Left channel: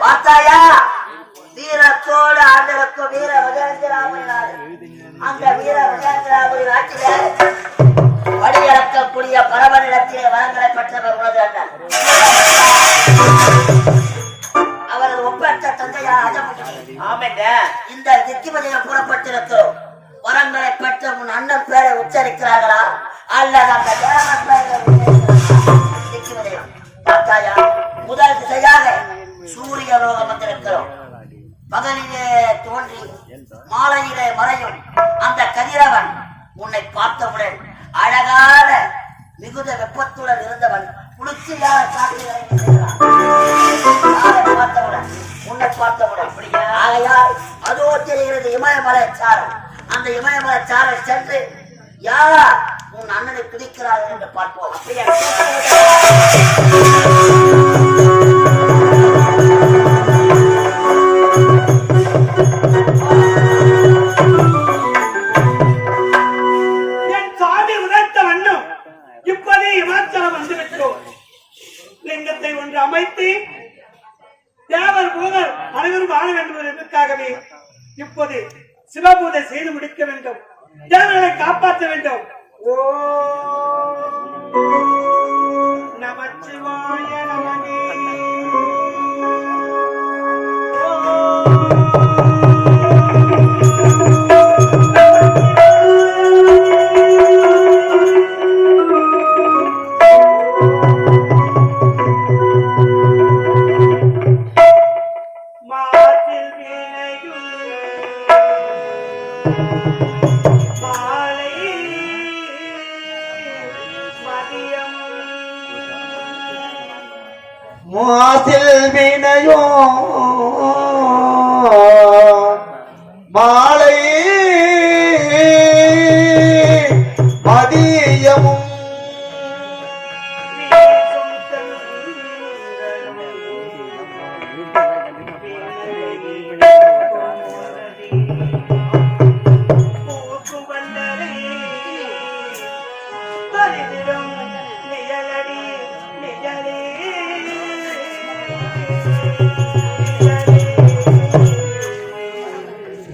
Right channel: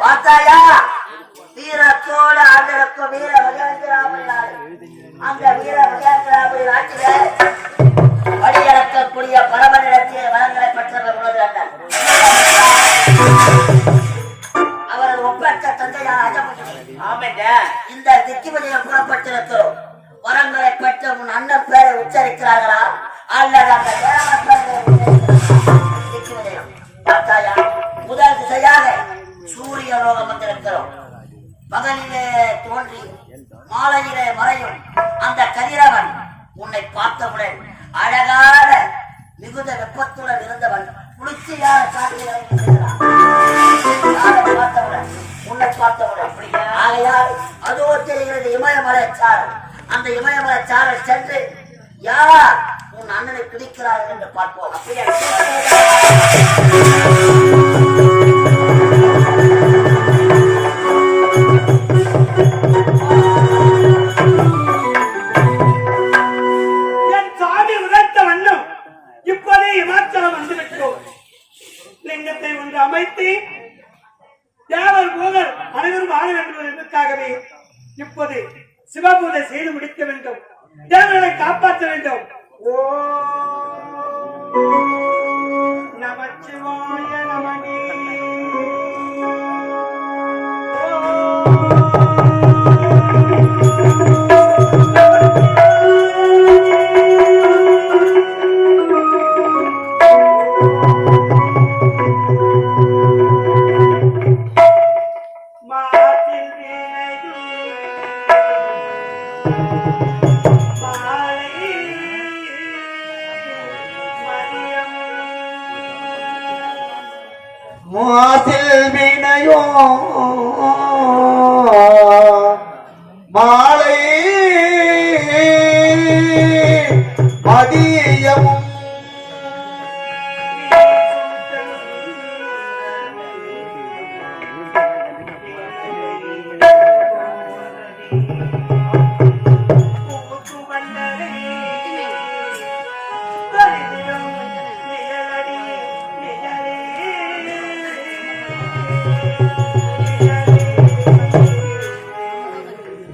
பார்த்தாயா வீரத்தோடு ஆண்டிருக்கும் வீர விஜயந்திராமணி நாடு. அந்த வீர விஜயந்திராமணி நாட்டில படியிறக்கக்கூடிய பரமனிடத்திலே வரங்களை பெற்றவர் உனது அண்ணன். அவரது ஒப்பற்ற தந்தையார் அஜமுகினி. இந்த திக்கிமதியில் கூறப்பட்டிருக்கிறோம். வரங்களை பெற்ற உன் அண்ணன் பேரை உச்சரிக்கிறார்களா அல்லது அந்த திக்கிமதியம் பார்த்தாயா? முதல் திசையாக சூரிய லோகம் வந்திருக்கிறோம். பகலிலே தோன்றி மாலையிலே மறையும் அந்த கதிரவன் உன்னை பார்த்தவுடன் அழகான மிகுந்த வெப்பத்துடன் இருந்தவன் குளிர்ச்சியான காற்றை பார்த்தவுடன் உன்னை பார்த்தவுடன் ஆகையால் அதோ தெரிகிறது இமயமலை சாரல். அந்த இமயமலை சாரல் சென்று யார் உன் அண்ணனை பிடிக்கிறார்கள் என்று பார்ப்போம். அப்படியே லிங்கத்தை ஒன்று அமைத்து தேவர் பூதர் அனைவரும் ஆட வேண்டும் என்பதற்காகவே இப்போது சிவபூஜை செய்து முடிக்க வேண்டும். தேவர்களை காப்பாற்ற வேண்டும். ஓ நமச்சிவாய நமகே. மாசில் வினையோ மாலை மதியமும்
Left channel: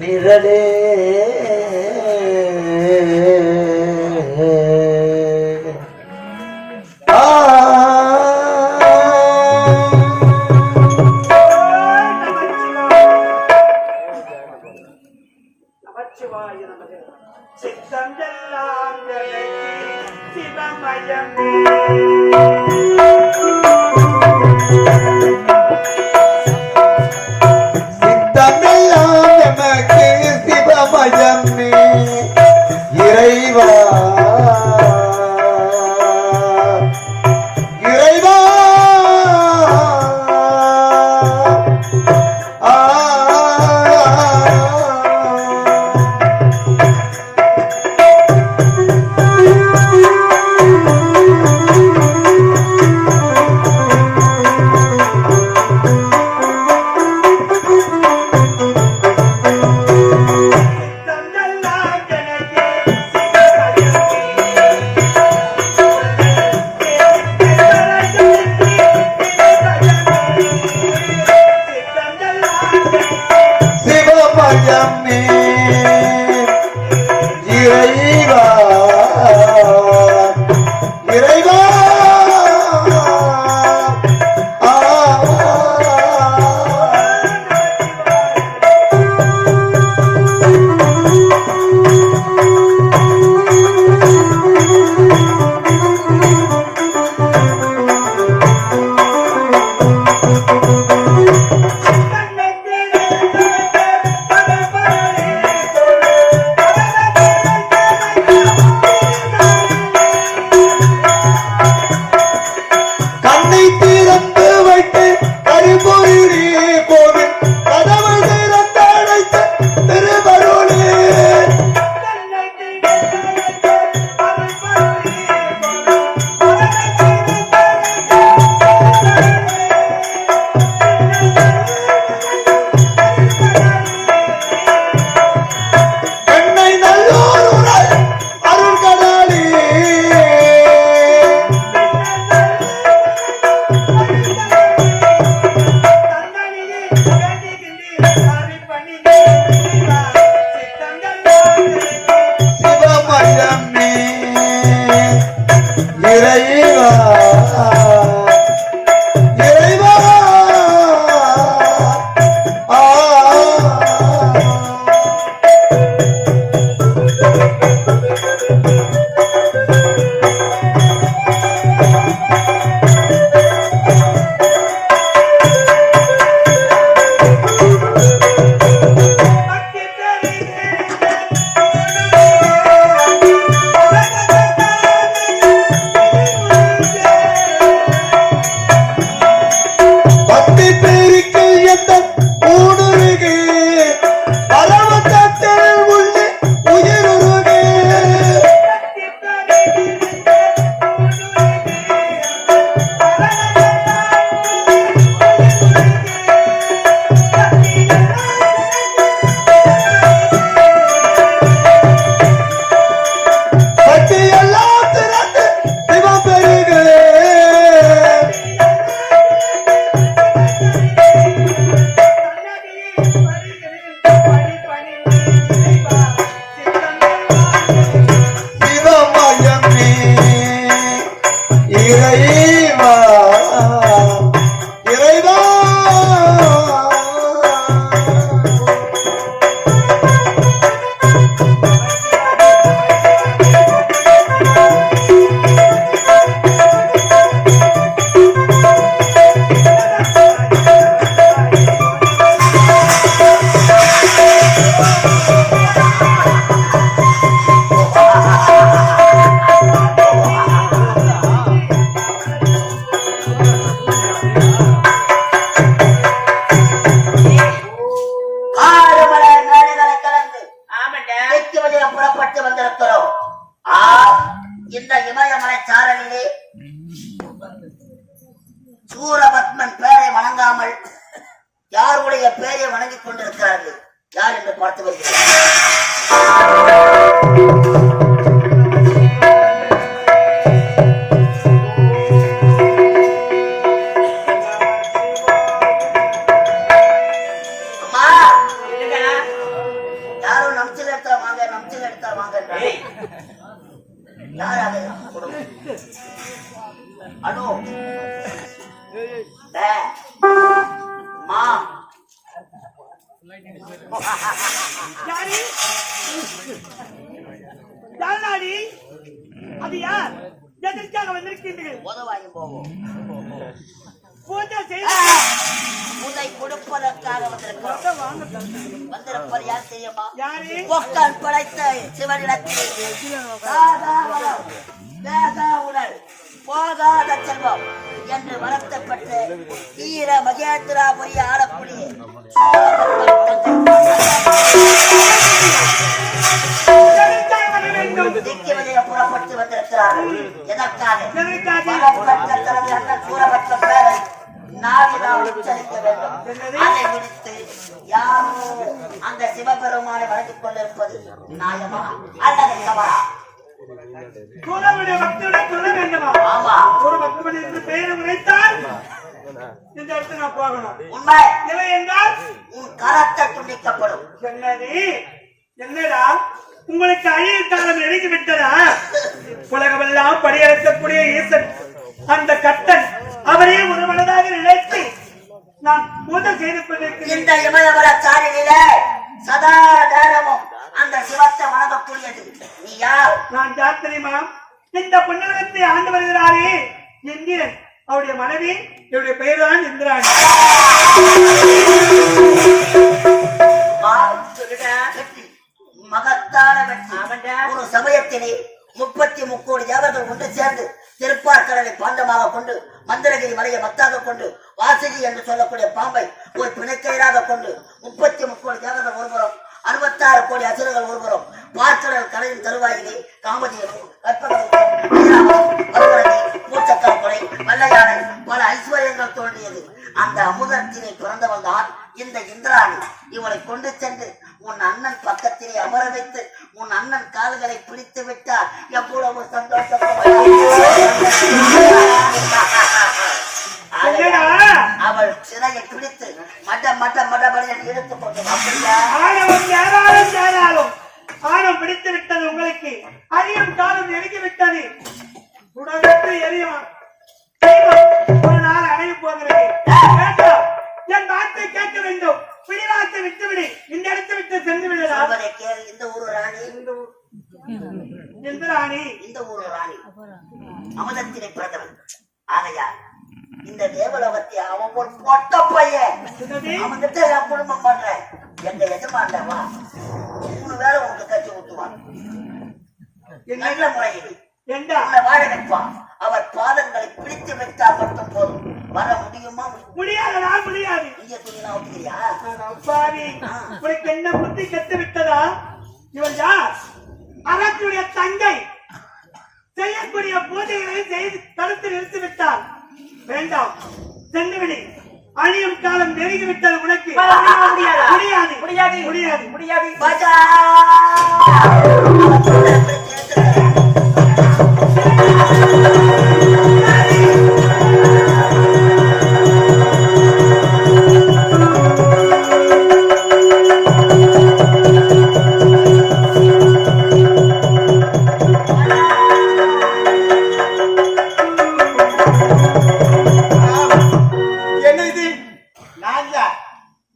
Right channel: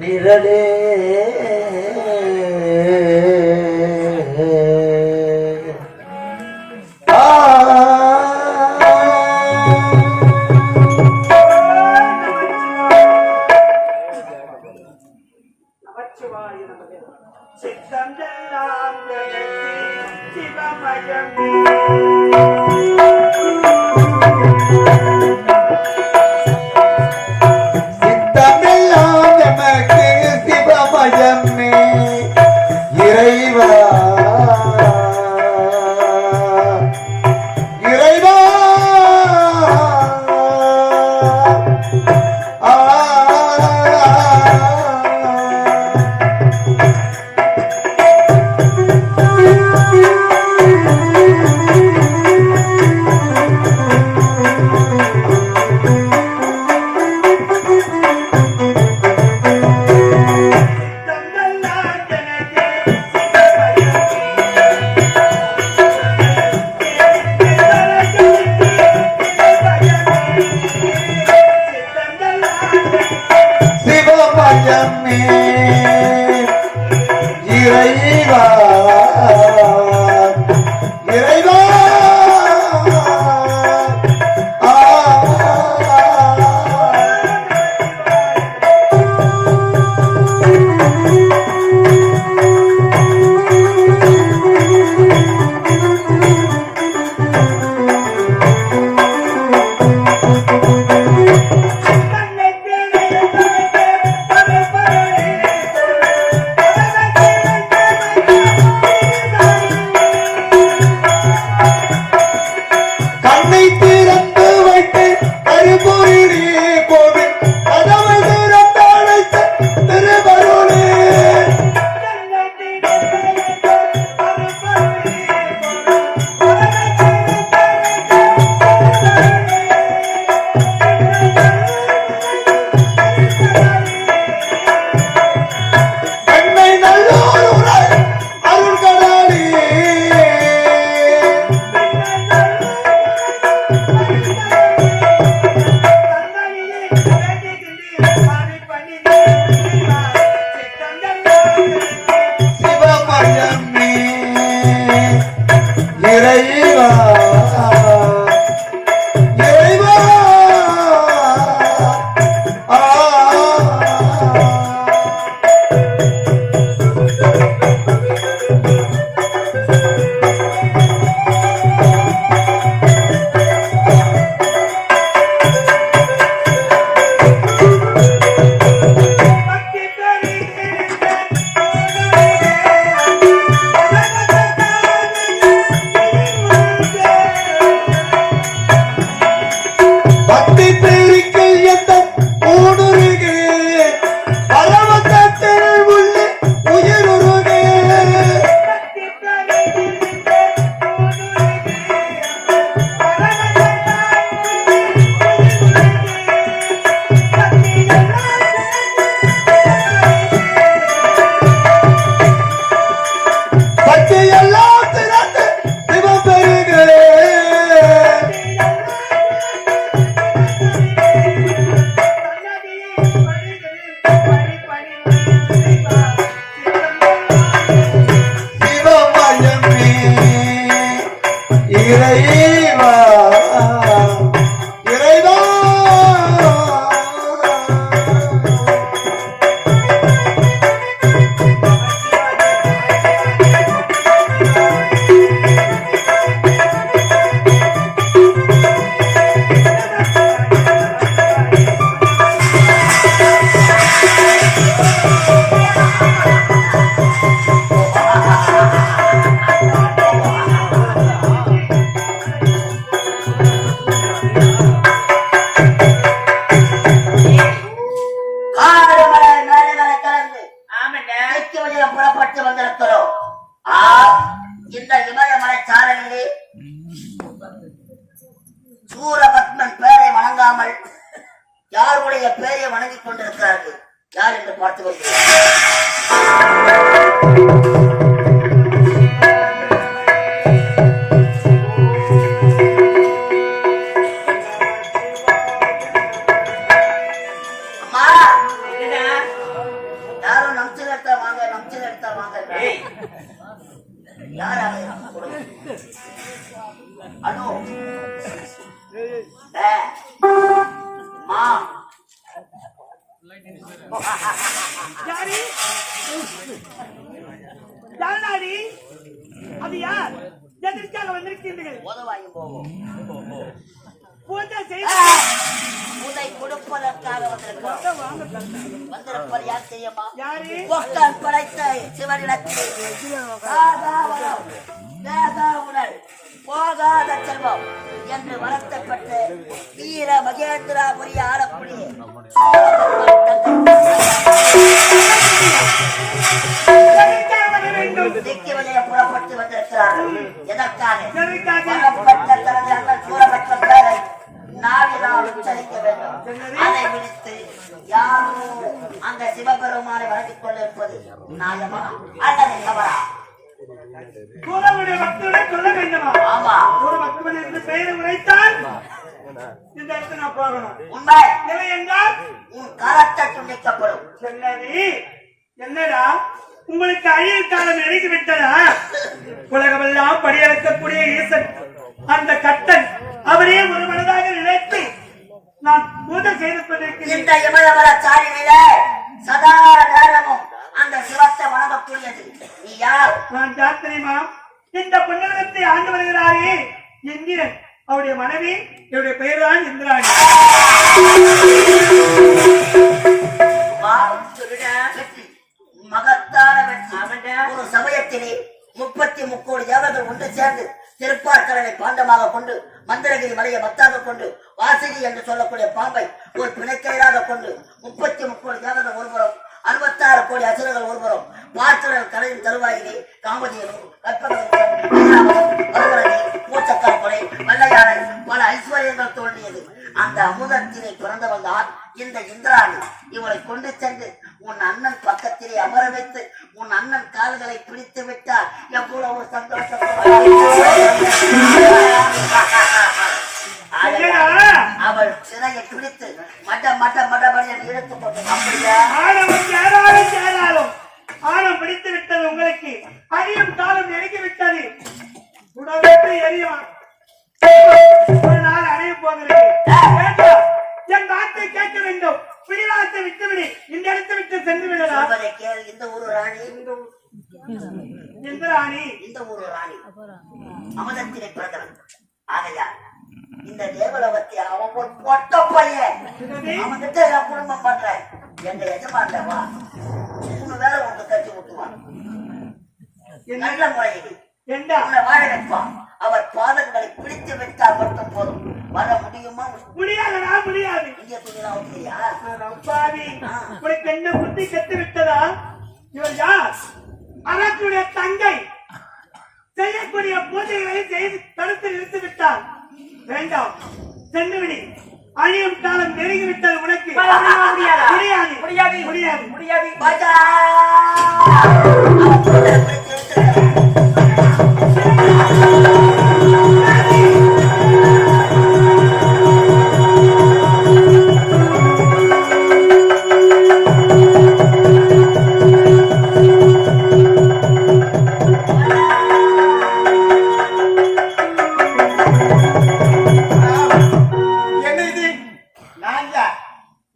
நிழலே சித்தம் எல்லாம் சிவமயம் இறைவா இறைவா சிவமயமே இறைவா இறைவா சிவமயமே இறைவா இறைவா பக்தி பேரிக்கல் எந்த ஊடுருகே பரவத்தத்தில் உள்ள உயிருருகே பக்தி எல்லாம் திறந்து சிவம் பெருகே சிவமயமே இறைவா இறைவா ஆடு மலை மேடைகளை கலந்து தெற்கு வழியில் புறப்பட்டு வந்திருக்கிறோம். இந்த இமயமலை சாரலிலே சூரபத்மன் பெயரை வணங்காமல் யாருடைய பெயரை வணங்கிக் கொண்டிருக்கிறார்கள்? யார் என்று பார்த்து வருகிறோம். அம்மா, யாரும் நம்சில் எடுத்தா வாங்க, நம்சில் எடுத்தா வாங்க. யார் அது? அனு மா யாரு? யாருடாடி? அது யார்? எதற்காக வந்திருக்கின்றீர்கள்? உதவாயும் போவோம். பூஜை செய்து உதை கொடுப்பதற்காக வந்திருக்கிறோம். வந்திருப்பது யார் தெரியுமா? யாரு? பொக்கன் படைத்த சிவனிடத்தில் சாதா வரம், வேதா உடல், போகாத செல்வம் என்று வரத்தப்பட்டு வீர மகேந்திராபுரி ஆளக்கூடிய எதற்காக வர வேண்டும்? திக்கு வழிய புறப்பட்டு வந்திருக்கிறார்கள். எதற்காக? எதற்காக? வரப்பட்ட தனது அண்ணன் சூரபத்மன் பேரை நாவினால் உச்சரிக்க வேண்டும். அதை விடுத்து யாரோ அந்த சிவபெருமானை வணங்கிக் கொண்டிருப்பது நியாயமா அல்லது தவறா? சூரனுடைய பக்தனை சொல்ல வேண்டுமா? ஆமா, ஒரு பக்தன் என்று பெயரை உரைத்தால் இந்த இடத்துல நான் போகணும். உண்மை. இல்லை என்றால் உன் கரத்தை துண்டிக்கப்படும். என்னடி? என்னடா உங்களுக்கு அழிவு காலம் நெருங்கி விட்டதா? உலகமெல்லாம் படியெடுக்கக்கூடிய ஈசன் அந்த கட்டன் அவரே ஒரு மனதாக நினைத்து நான் பூஜை செய்து கொண்டிருக்கிறேன். இந்த இமயமல சாரியில சதா நேரமும் அந்த சிவத்தை வணங்கக்கூடியது நீ யார்? நான் யார் தெரியுமா? இந்த புன்னகத்தை ஆண்டு வருகிறாரே என்கிறேன். அவருடைய மனைவி என்னுடைய பெயர் தான் இந்திராணி. வெற்றி, மகத்தான வெற்றி. ஒரு சமயத்திலே 33 கோடி தேவர்கள் ஒன்று சேர்ந்து திருப்பார்கடலை பாண்டமாக கொண்டு மந்திரகிரி மலையை மத்தாக கொண்டு வாசுகி என்று சொல்லக்கூடிய பாம்பை ஒரு பிணைக்கையாக கொண்டு 33 கோடி தேவர்கள் ஒருபுறம் 66 கோடி அசுரர்கள் ஒருபுறம் பார்க்கடல் கலையின் தருவாயிலே காமதேனு மூச்சக்கால் வல்லையானை பல ஐஸ்வர்யங்கள் தோன்றியது. அந்த அமுதத்தினை பிறந்தவள் தான் இந்த இந்திராணி. இவளை கொண்டு சென்று உன் அண்ணன் பக்கத்திலே அமர வைத்து உன் அண்ணன் கால்களை பிடித்து விட்டார். எவ்வளவு சந்தோஷம்! அவள் சிறையை பிடித்து மட மட மடபடி எடுத்துக் கொண்டு அப்படியே பிடித்து விட்டது உங்களுக்கு. அரியும் காலம் நெருங்கி விட்டது. உடலுக்கு எரியும் ஒரு நாள் அணைய போகிறது. வேண்டாம், என் வார்த்தை கேட்க வேண்டும். பிடிவாதத்தை விட்டுவிடு. இந்த இடத்தை விட்டு சென்று விடலாம். இந்த ஊரு ராணி, எந்த ராணி? இந்த ஊரு ராணி அமதத்தினை பிறந்தவன். ஆகையால் இந்த தேவலோகத்தை அவன் ஒரு பொட்ட பையன். அவன்கிட்ட நான் குடும்பம் பண்றேன். எந்த எஜமான்டவா 3 வேளை உனக்கு கட்சி ஊட்டுவான். நல்ல முறையில் உன்னை வாழ வைப்பான். அவர் பாதங்களை பிடித்து வைத்தால் மட்டும் போதும். வர முடியுமா? முடியாது, முடியாது. இங்க துணியெல்லாம் ஊட்டுறியா? உனக்கு என்ன புத்தி கத்து விட்டதா? இவன் யார்? அரசுடைய தங்கை. செய்யக்கூடிய பூஜைகளை செய்து தடுத்து நிறுத்தி விட்டார். வேண்டாம், சென்று விடு. அழியும் காலம் நெருங்கி விட்டது உனக்கு. முடியாது, முடியாது, முடியாது, முடியாது.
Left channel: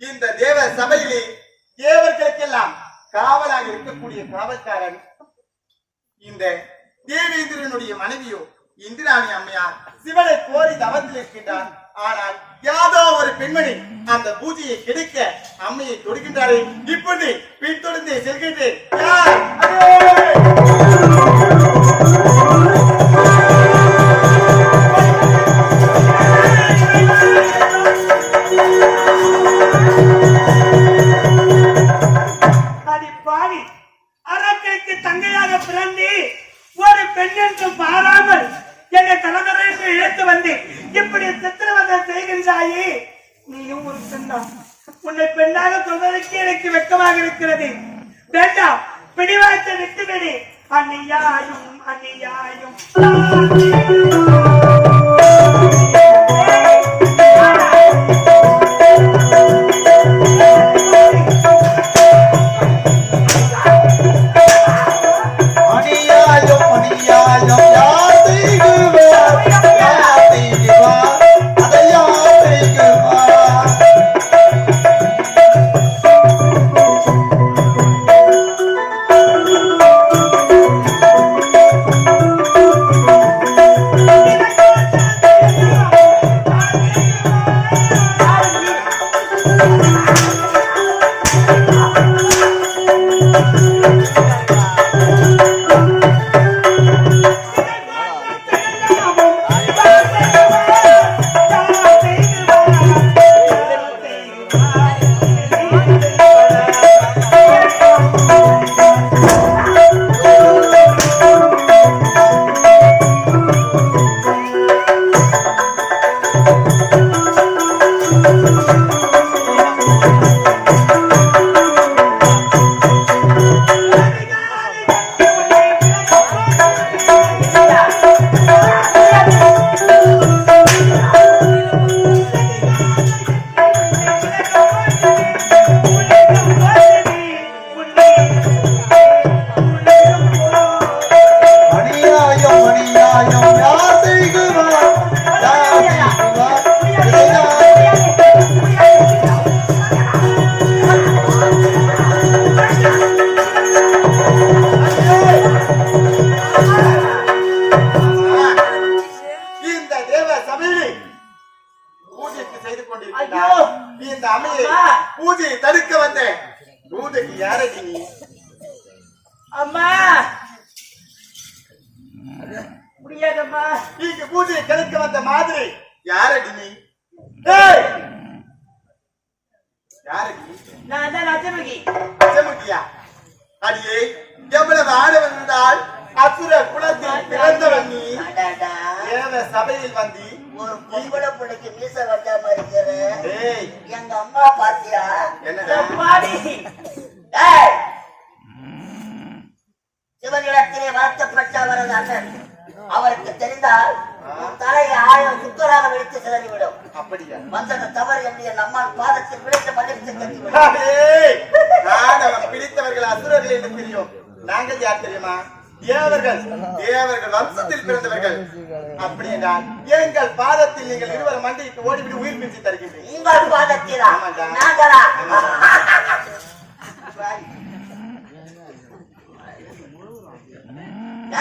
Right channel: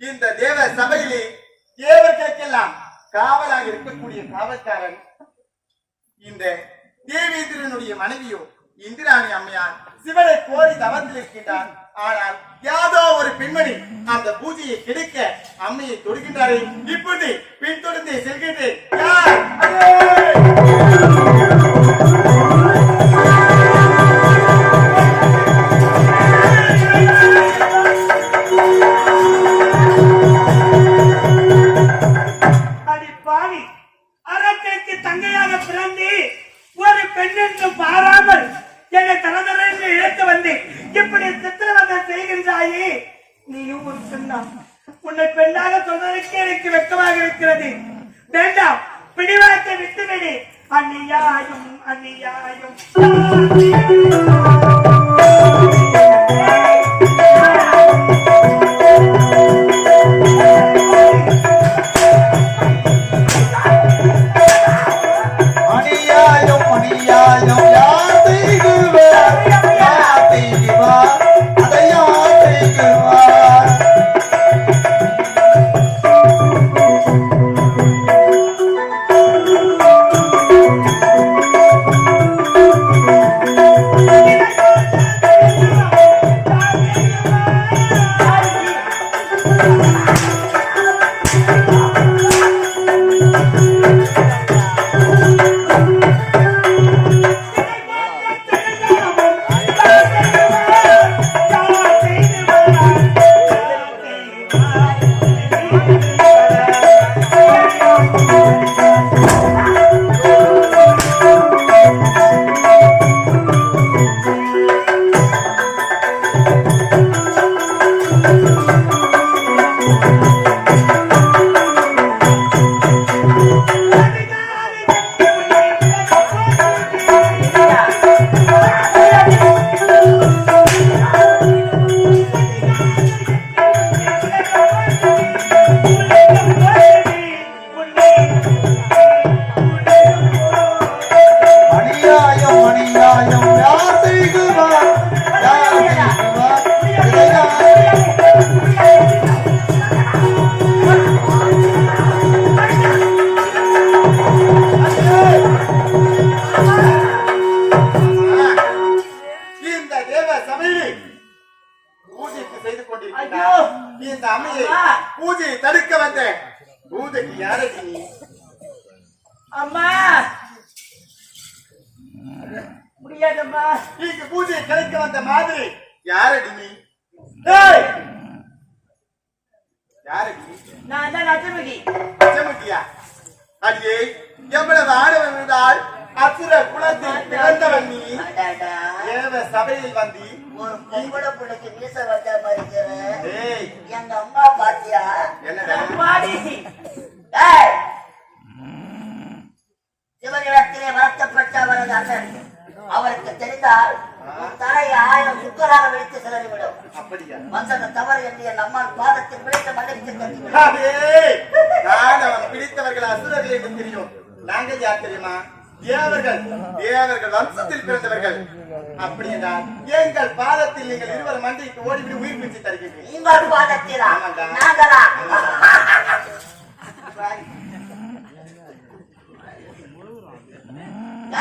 இந்த தேவ சபையிலே தேவர்களுக்கெல்லாம் காவலாக இருக்கக்கூடிய காவல்காரன் இந்த தேவேந்திரனுடைய மனைவியோ இந்திராணி அம்மையார் சிவனை கோரி தவத்தில் இருக்கின்றார். ஆனால் யாதோ ஒரு பெண்மணி அந்த பூஜையை கெடுக்க அம்மையை தொடுகின்றாரே. இப்போது பின்தொடர்ந்து செல்கின்றேன். அரக்கனுக்கு தங்கையாக பிறந்து ஒரு பெண் என்று பாராமல் என்னை தரதர என்று இழுத்து வந்து இப்படி சித்திரவதை செய்கின்றாயே. நீயும் ஒரு பெண்ணா? உன்னை பெண்ணாக சொல்வதற்கு எனக்கு வெட்கமாக இருக்கிறது. வேண்டாம், பிடிவாதத்தை விட்டுவிடு. அந்நியாயும் அந்நியாயும் பூஜை தடுக்க வந்த பூஜைக்கு யாரடி நீ? அம்மா முடியாதம்மா. நீங்க பூஜையை கலைக்க வந்த மாதிரி யாரடி நீ? யாரடி? நான் தான் அச்சமுகி. அச்சமுகியா? அடியே, எவ்வளவு ஆடவன் என்றால் அசுர குலத்தில் பிறந்தவன் நீ. தேவ சபையில் வந்து ஒரு பொம்பளை பிள்ளைக்கு மீச வச்ச மாதிரி எங்க அம்மா பாத்தியா? சிவனிடத்திலே வருத்தப்பட்டவரது அண்ணன் அவருக்கு தெரிந்தால் தலையை 1000 சுக்கராக வெடித்து சிதறிவிடும். அப்படியா? வந்தது தவறு என்று என் அம்மான் பாதத்தில் விழுந்து மன்னித்து கட்டிவிடும். பிடித்தவர்கள் அசுரர்கள் என்று தெரியும். நாங்கள் யார் தெரியுமா? தேவர்கள், தேவர்கள் வம்சத்தில் பிறந்தவர்கள். அப்படி என்றால் எங்கள் பாதத்தில் நீங்கள் இருவர் மண்டிக்கு ஓடிவிட்டு உயிர் பிச்சு தருகின்றீர்கள். உங்கள் பாதத்திலா? ஆமாண்டா. நாங்களா?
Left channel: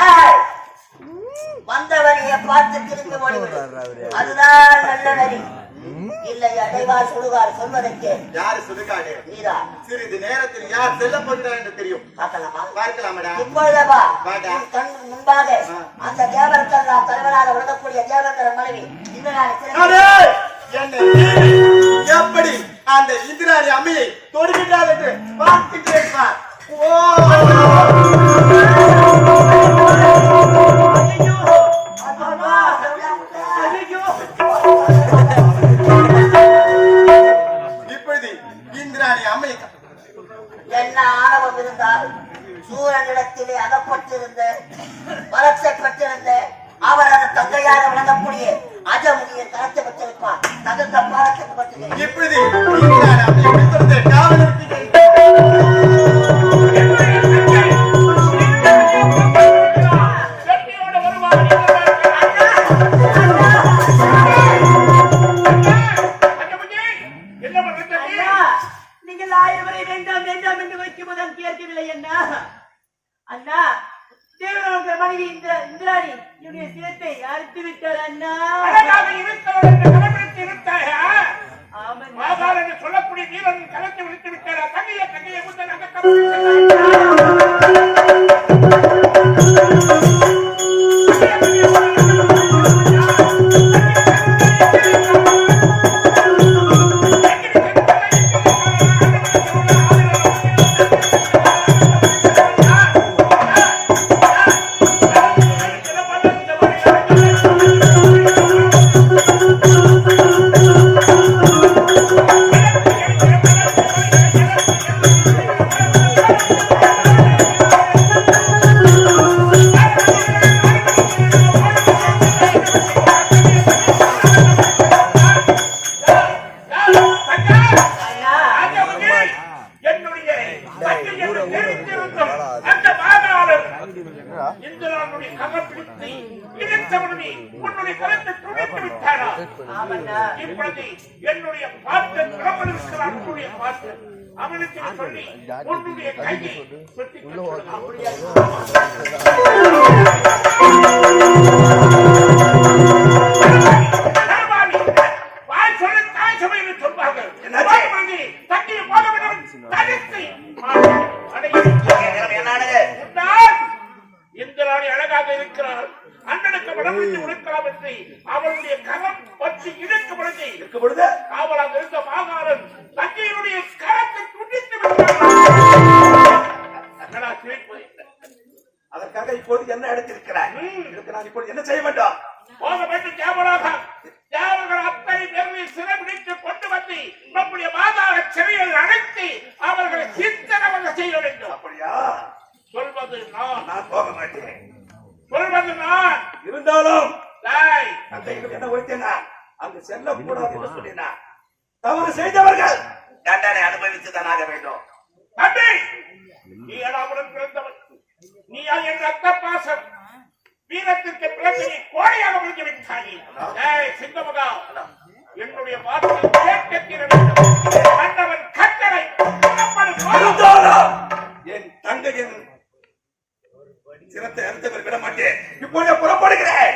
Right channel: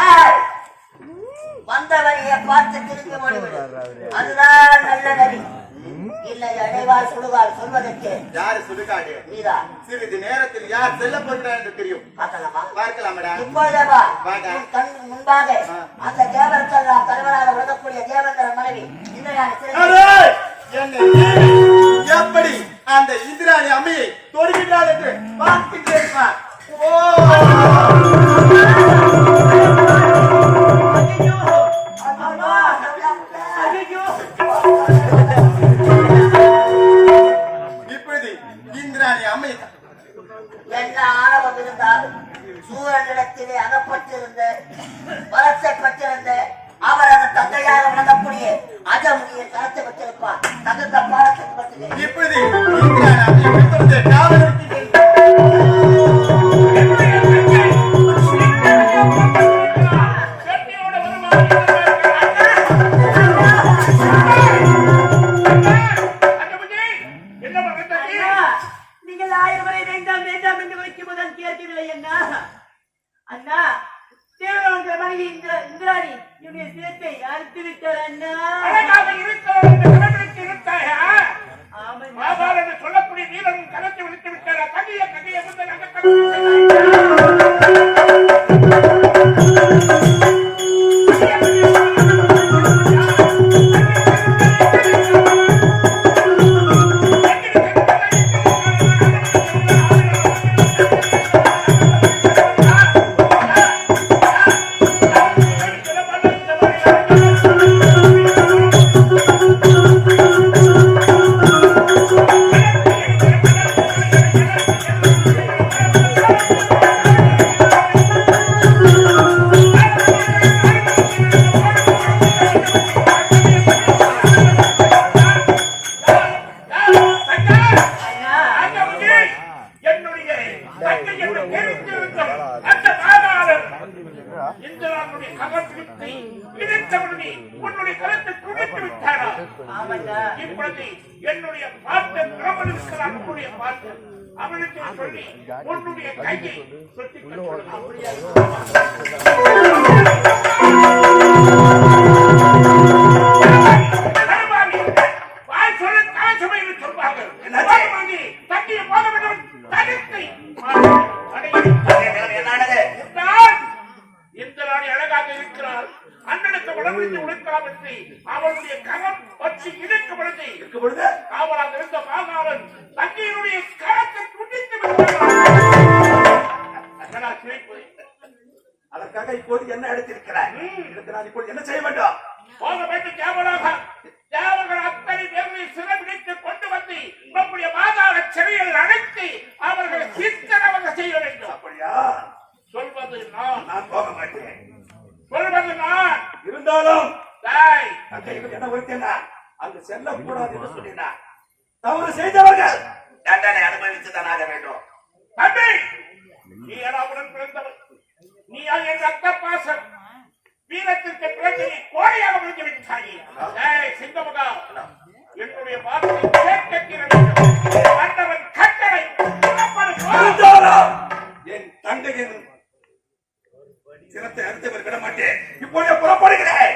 ஏய், வந்தவனைய பார்த்து திரும்பி ஓடிவிடு. அதுதான் நல்ல வழி. இல்லை அடைவார் சுடுகார் சொல்வதற்கு யாரு சுடுகாடு? நீதான். சிறிது நேரத்தில் யார் செல்ல போகிறார் என்று தெரியும். பார்க்கலாமா? பார்க்கலாமடா. இப்பொழுதவா வாடா. உன் கண் முன்பாக அந்த தேவர்களெல்லாம் தலைவராக விளங்கக்கூடிய தேவர்கள் மனைவி இந்திராணி அடே! என்னை எப்படி அந்த இந்திராணி அம்மையை தொடுகின்றார் என்று பார்க்கின்றேன் பார். ஓ! இப்பொழுது இந்திராணி அம்மையை என்ன ஆணவம் இருந்தால் சூரனிடத்திலே அகப்பட்டிருந்த வளர்ச்சப்பட்டிருந்த அவரது தந்தையாக விளங்கக்கூடிய அஜமுனியை கலத்தை பெற்றிருப்பார். தகுந்த பாடத்துக்கு பட்டு இப்பொழுது இந்திராணி அம்மையை பிடித்தெடுத்து காவல் இருக்கின்றேன். நீங்கள் 1000 முறை வேண்டாம் வேண்டாம் என்று வைக்கும் போது கேட்கவில்லை அண்ணா. அண்ணா, தேவனுடைய மனைவி இந்திராணி என்னுடைய சிரத்தை அறுத்து விட்டார் அண்ணா. சொல்லக்கூடிய வீரன் கலத்தை விடுத்து விட்டாரா? கையை முதல் என்னுடைய பார்த்த பிரபலனுடைய பார்த்த அவனுக்கு சொல்லி உன்னுடைய கையை சுற்றி அப்படியே வாய் சொல்ல தாய் சமையல் சொல்வார்கள். தண்ணியை போக வேண்டும் தடுத்தை இந்த ராணி அழகாக இருக்கிறாள். அண்ணனுக்கு வடமிட்டு உடுக்கலாம் என்று அவளுடைய கரம் பற்றி இருக்கும் பொழுது காவலாக இருந்த மாகாணன் தந்தையினுடைய கரத்தை துண்டித்து விட்டார். அதற்காக இப்போது என்ன எடுத்திருக்கிறார்? நான் இப்போது என்ன செய்ய வேண்டும்? போக வேண்டும் தேவலாக. தேவர்கள் அத்தனை பேர்களை சிறைபிடித்து கொண்டு வந்து நம்முடைய மாகாண சிறையில் அழைத்து அவர்களை சித்தனவங்க செய்ய வேண்டும். அப்படியா? சொல்வது நான் போக மாட்டேன். சொல்வது நான். இருந்தாலும் தாய் அங்க என்ன உரைத்தேனா? அங்கு செல்லக்கூடாது என்று சொல்லினார். தவறு செய்தவர்கள் தண்டனை அனுபவித்துதான் ஆக வேண்டும். தம்பி, நீ அடாவுடன் பிறந்தவன். நீ என் ரத்த பாசம் வீரத்திற்கு பிரச்சனை கோடையாக முடிந்து விட்டாயே. சிங்கமகா, என்னுடைய வார்த்தை கேட்டவன் கட்டளை என் தங்கையின் சிரத்தை அறுத்தவர் விட மாட்டேன். இப்பொழுது புறப்படுகிறேன்.